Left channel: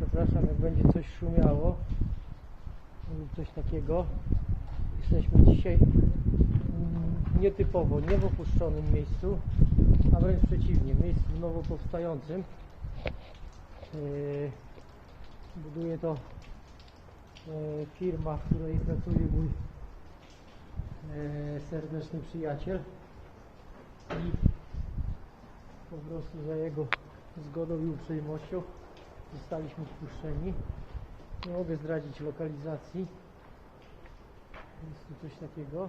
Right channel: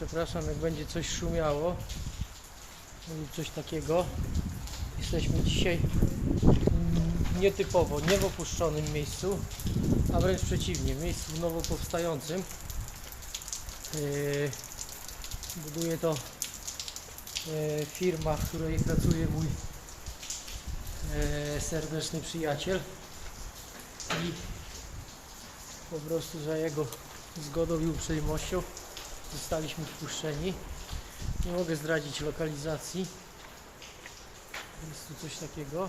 Przepraszam, jak będzie coś szumiało lub coś takiego. Jesteśmy dzisiaj nietypowo, nie w opuszczonym miejscu, a wręcz przeciwnie, miejscu nowo powstającym. Yy, buduje to yy, firma, w której pracuje mój yy, serdeczny przyjaciel i po prostu za jego zgodą i uprzejmością zostaliśmy wpuszczeni. Nie mogę zdradzić lokalizacji. Jest tu coś takiego.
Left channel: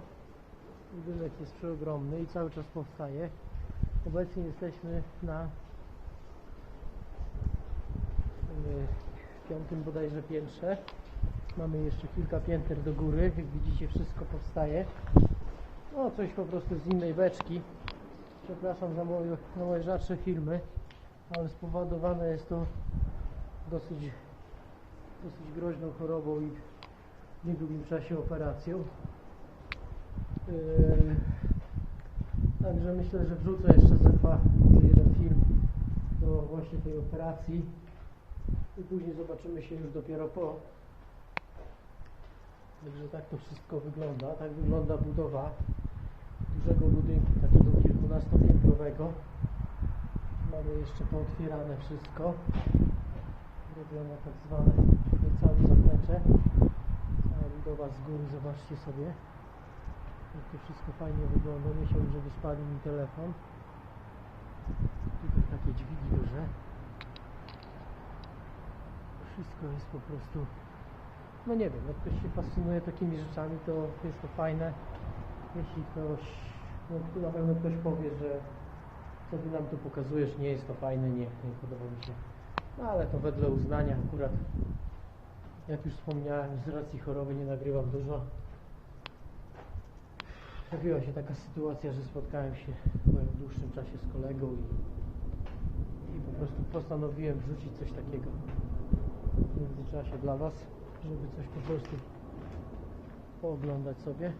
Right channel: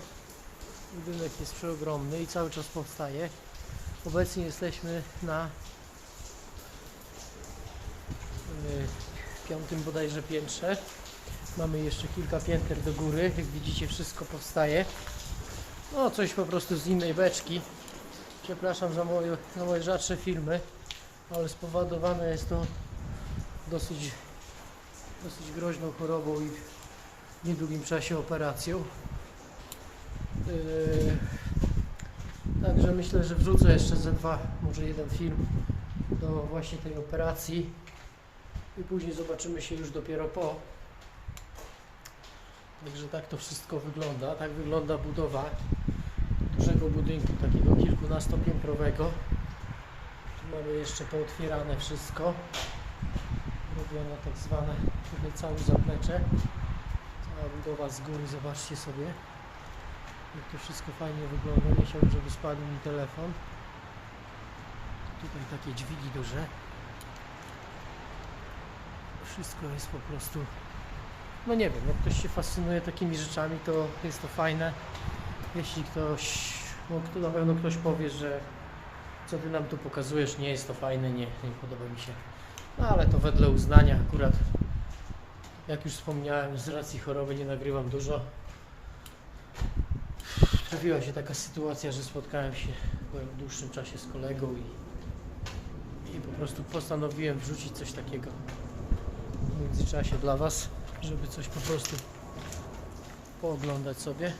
Budynek jest przeogromny i cały czas powstaje. Obecnie jesteśmy na yy, piątym bodajże piętrze. Mamy jeszcze kilka pięter do góry. Jak widzicie wszystko powstaje. No coś po prostu z innej beczki. Przepraszam za moje, za moje rzadsze filmy, ale spowodowane jest to dosyć, dosyć groźną chorobą i w niedługim czasie operacją. Yy, także myślę, że wrzucę jeszcze ze dwa, może jeden film do właśnie tej operacji i później zobaczymy się już dopiero po. Także tak to wszystko wygląda. Tak wygląda budowa dużego budynku, takiego kilkunastopiętrowego. Tu mamy jeszcze pootwierane wszystko. Robione tak zwane całe zaplecze. Budowa z góry, zobaczcie sobie. Jak to wszystko fajnie wygląda. Nie chciałbym, żeby spadł mi telefon. Tutaj takie dźwigi duże. Wszystko jest po prostu no nie wiem, jak ktoś się fascynuje takimi rzeczami, to jest to fajne. Jeśli ktoś, no na pewno ktoś powie, że co ty nam tu pokazujesz, nie jest to fajne, nie, nie podoba mi się. No ale to wedle uznania akurat, jak już wspomniałem, z racji choroby nie nagrywam dużo. Trafiła się taka sytuacja, że spotkałem się po dłuższym czasie z kolegą i, i po prostu postanowiłem wrzucić coś takiego w międzyczasie dla Was, żeby coś po prostu pooglądać sobie.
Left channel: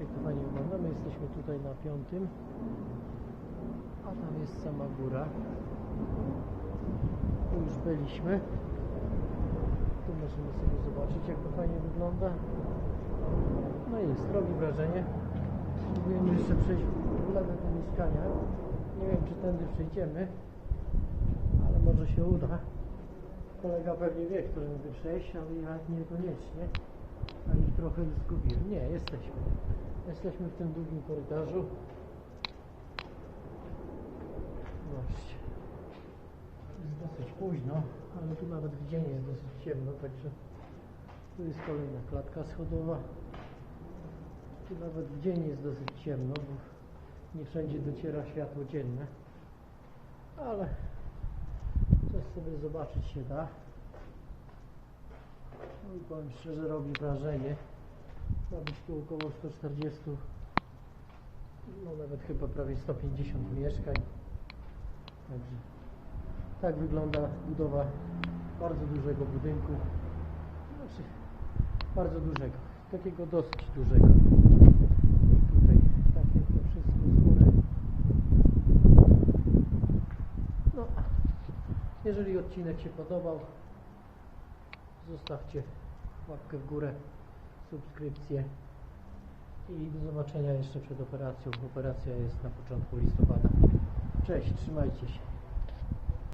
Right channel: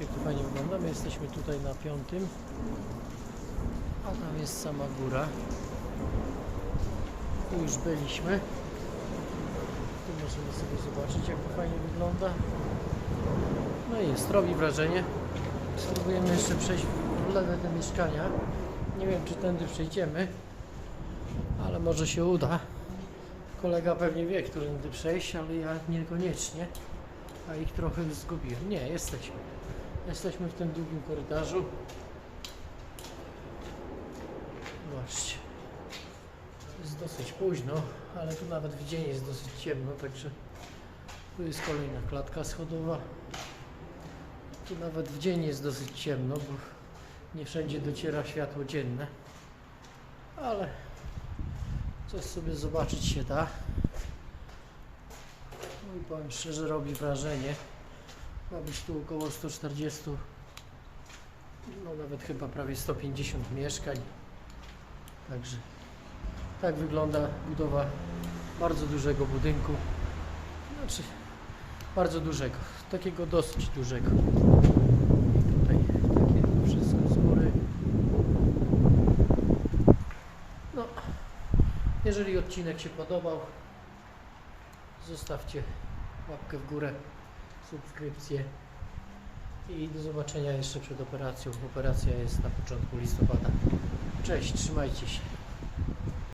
Jak to fajnie wygląda. My jesteśmy tutaj na piątym, a tam jest sama góra. Tu już byliśmy. Tu możemy sobie zobaczyć, jak to fajnie wygląda. No i jest, robi wrażenie. Spróbujemy jeszcze przejść w lewe te mieszkania. Nie wiem, czy tędy przejdziemy, ale może się uda. Kolega pewnie wie, którędy przejść, ale ja niekoniecznie. A ich trochę zgubiłem. Nie, jesteśmy. Jesteśmy w tym długim korytarzu. Zobaczcie. Dosyć późno, ale tu nawet w dzień jest dosyć ciemno, także tu jest kolejna klatka schodowa. Tu nawet w dzień jest dosyć ciemno, bo nie wszędzie dociera światło dzienne. Ale coś sobie zobaczyć się da. No i powiem szczerze, robi wrażenie. Ma być tu około 140, no nawet chyba prawie 150 mieszkań. Także tak wygląda budowa bardzo dużego budynku. Znaczy, bardzo dużego, takiego dosyć dużego. Tutaj takie wszystko z góry. No, jeżeli odcinek się podobał, zostawcie łapkę w górę, subskrypcję i do zobaczenia jeszcze przed operacją. Operacja jest na początku listopada. Cześć, trzymajcie się.